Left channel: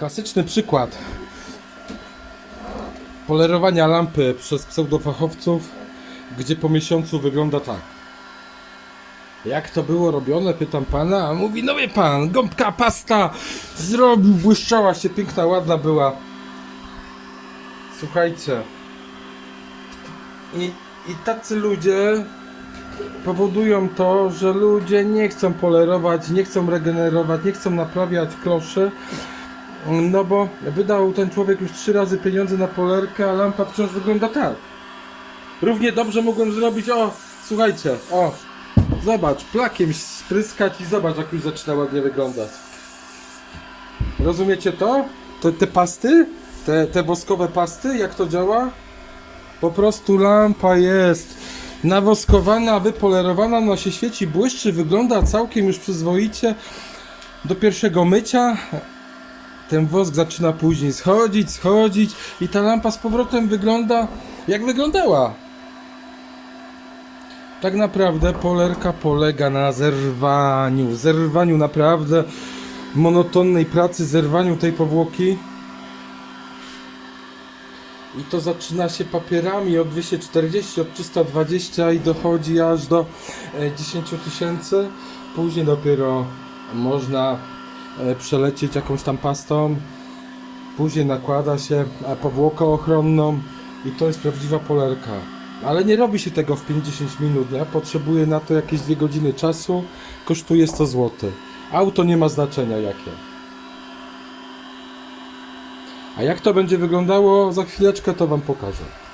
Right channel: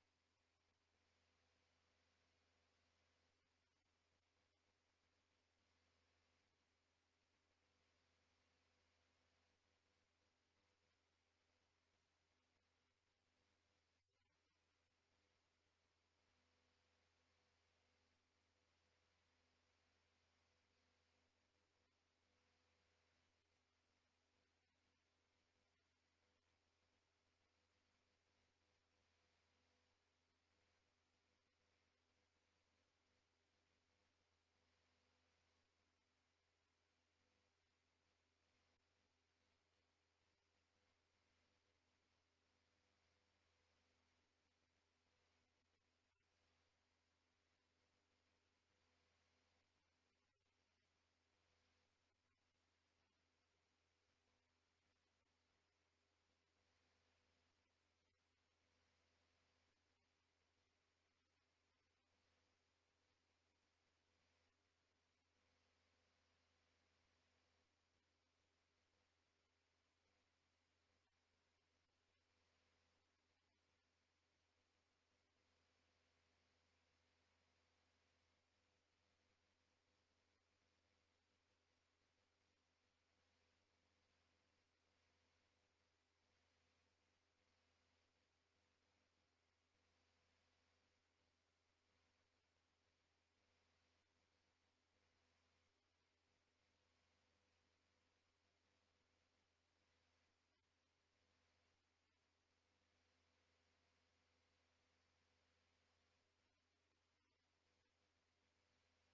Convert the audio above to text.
Klasyczny przykład polerowania lampy przez pseudofachowców, gdzie po miesiącu wygląda tak. Jak to było robione, pytam pana, a mówi, no wie pan, gąbka pasta zrobił, błyszczała się, piękna, ładna była. Słuchajcie. I, i tacy ludzie powodują to, że ludzie nie chcą polerować, nie chcą regenerować, nie chcą naprawiać kloszy. No bo wydał ten człowiek już trzy razy pieniądze na polerkę, a lampa wciąż wygląda tak. Równie dobrze mogłem zrobić, o, słuchajcie, o, zobacz, plakiem spryskać i zobacz jak już zaczyna ładnie wyglądać. Rozumiecie to? Te, te pasty? Te, te woskowe pasty, jak to działa? Po prostu lampa jest nawoskowana, wypolerowana, ona się świeci, błyszczy, wygląda całkiem już przyzwoicie. Do pierwszego mycia ten wosk zaczyna później schodzić, schodzić i ta lampa z powrotem wygląda jak wyglądała. Tak naprawdę polerka polega na zerwaniu, zerwaniu naprawdę monotonnej pracy, zerwaniu tej powłoki. I to zaczyna się papierami od 240, od 320 i dochodzi aż do e, 10 tysięcy. Później dopiero można e, przelecieć jakąś tam pastą. Później nakłada się e, powłokę ochronną i to jest prawdziwa polerka. Ale nie robi się tego w 50 minut, nie? Potrzebuje na to jakieś 2 godziny czasu. Kosztuje 100 zł. Auto nie ma znaczenia jakie. A jak to będzie wyglądało za chwileczkę, to Wam pokażę.